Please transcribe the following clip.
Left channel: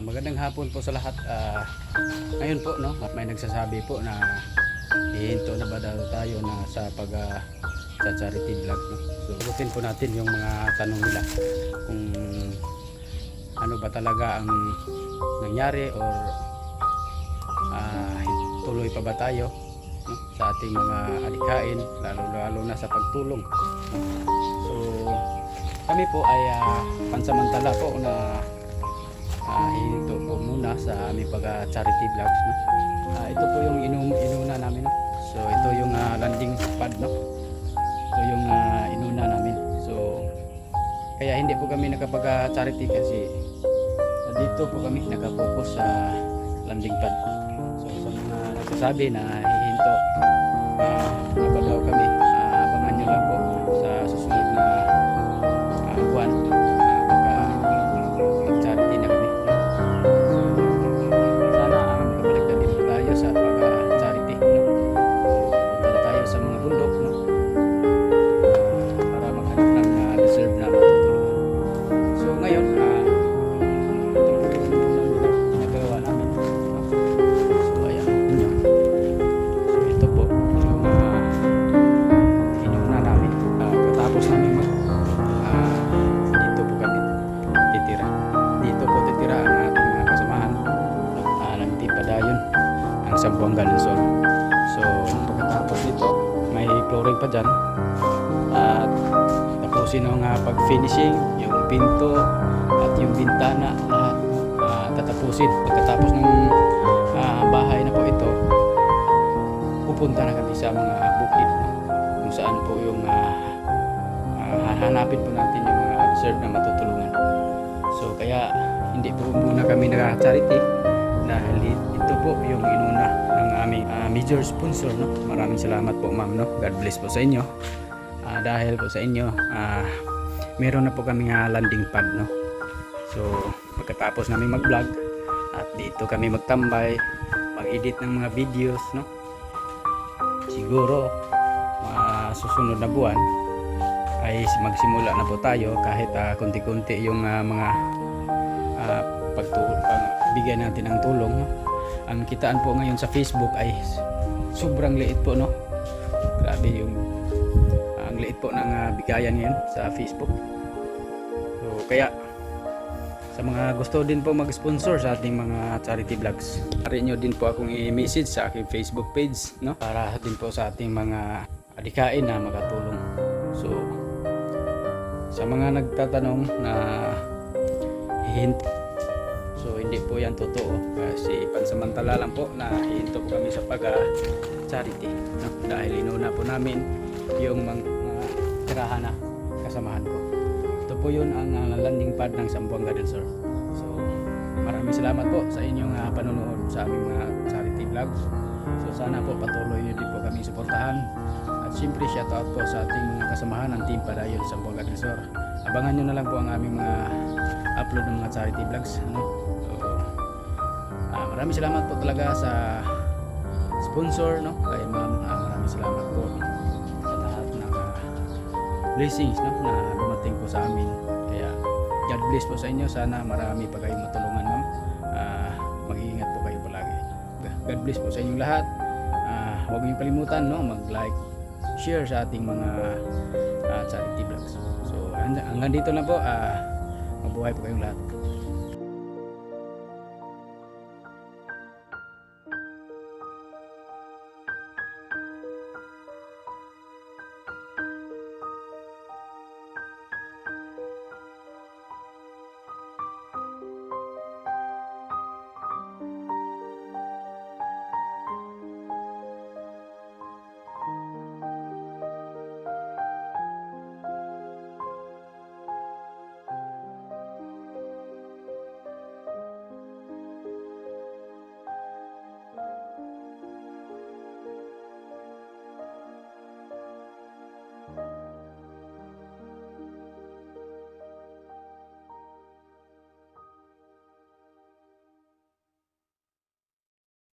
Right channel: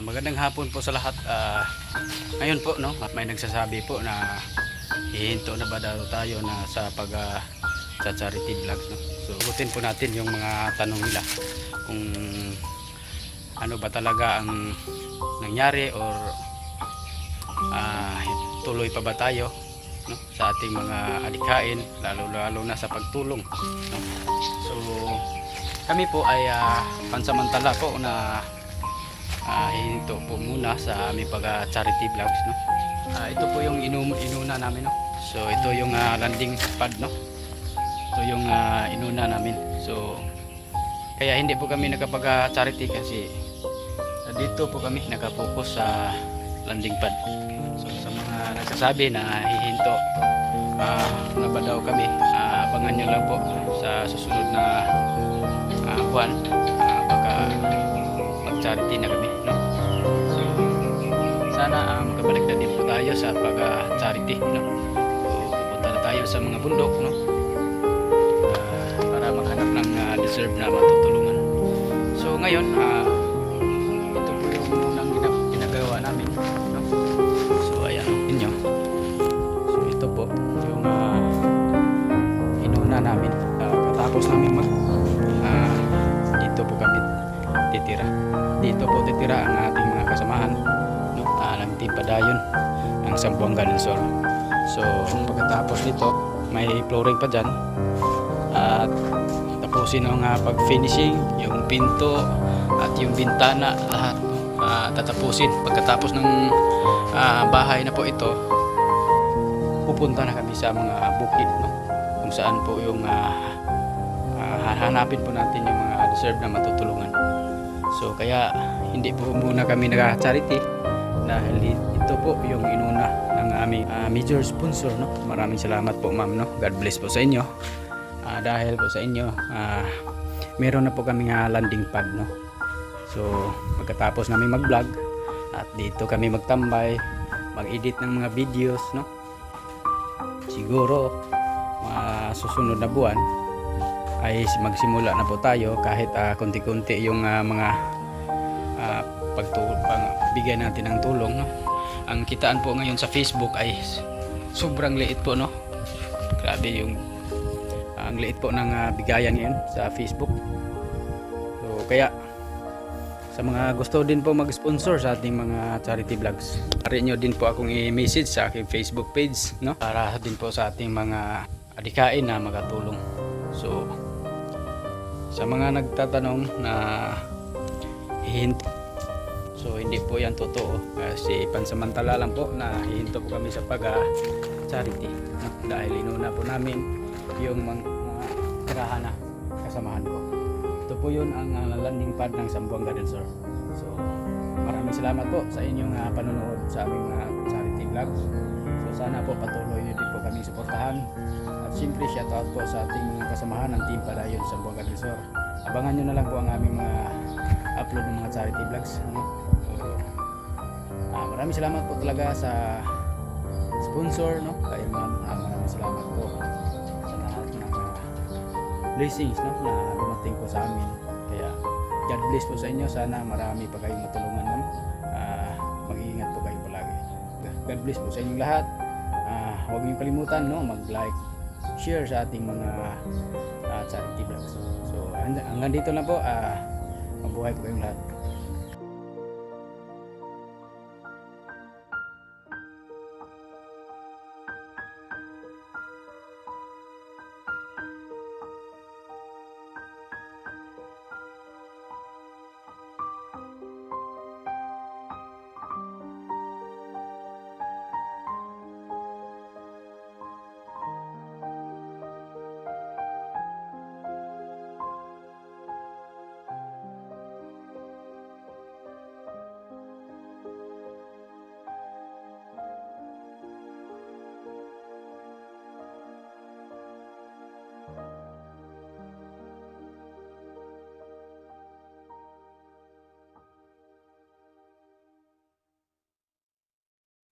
Magandang hapon po sa lahat. Ngayon po, no, may nagsasabi po na hihinto na ba daw tayo na sa sa charity vlogs, no? So sagutin po natin yung mga tanong nila kung ano ba talaga ang nangyari or tuloy pa ba tayo, no, sa ating mga adikain, lalo na sa pagtulong, no? So kami po ay pansamantala po na hihinto po muna sa aming charity vlogs, no. Ito po yung inuna namin, no. So ito yung landing pad, no. Ito yung inuna namin. So kaya hindi po kami nakapag-charity kasi dito po kami nakapokus sa landing pad. So sa mga nagsasabi na hihinto na ba daw kami, abangan nyo lang po sa susunod na buwan, baka mag-charity na kami, no? So sana makabalik na din po tayo sa pag-charity, no? So pupunta na tayo sa mga bundok, no? Para maghanap ng deserve na matutulungan. So ngayon ito po yung unang ginagawa namin, no? So ayan ninyo. So ito po yung inuna namin. Katapos namin dito po kami titira. Dito po titira ang ating mga kasamahan, no? Ng Team Padayon ng Zamboanga del Sur. So pagkatapos nito may flooring pa dyan at tapusin ang pag-finishing, yung pinto at yung bintana, lahat tatapusin. Pagkatapos ng bahay na po ito, pupunta na kami sa mga bukid, no? Kung saan po yung hanapin po natin yung mga deserve na matutulungan. So kaya hindi po muna kami nag-charity dahil ito po yung inuna ng aming major sponsor, no? Maraming salamat po, ma'am, no? God bless po sa inyo. Dahil po sa inyo meron na po kami landing pad, no? So pagkatapos namin mag-vlog at dito kami magtambay, mag-edit ng mga videos, no? Siguro susunod na buwan ay magsimula na po tayo kahit konti-konti yung mga pagbigay natin ng tulong, no? Ang kitaan po ngayon sa Facebook ay sobrang liit po, no? Grabe yung ang liit po ng bigayan ngayon sa Facebook. So kaya sa mga gusto din po mag-sponsor sa ating mga charity vlogs, pari nyo din po akong i-message sa aking Facebook page, no? Para din po sa ating mga adikain na makatulong. So sa mga nagtatanong na hihinto, so hindi po yan totoo kasi pansamantala lang po na hihinto po kami sa charity, no? Dahil inuna po namin yung mga tirahan na kasamahan ko. Ito po yun ang landing pad ng Zamboanga del Sur. So maraming salamat po sa inyong panonood sa aming mga charity vlogs. So sana po patuloy nyo din po kami suportahan. At siyempre shout out po sa ating mga kasamahan ng Team Padayon sa Zamboanga del Sur. Abangan nyo na lang po ang aming mga upload ng mga charity vlogs, ano? So maraming salamat po talaga sa sponsor, no? Kay ma'am, maraming salamat po sa lahat ng blessings, no, na dumating po sa amin. Kaya God bless po sa inyo. Sana marami pa kayong matulungan, ma'am. Mag-iingat po kayo palagi. God bless po sa inyong lahat. Huwag niyong kalimutan, no, mag-like, share sa ating mga charity vlogs. So hanggang dito na po. Mabuhay po kayong lahat.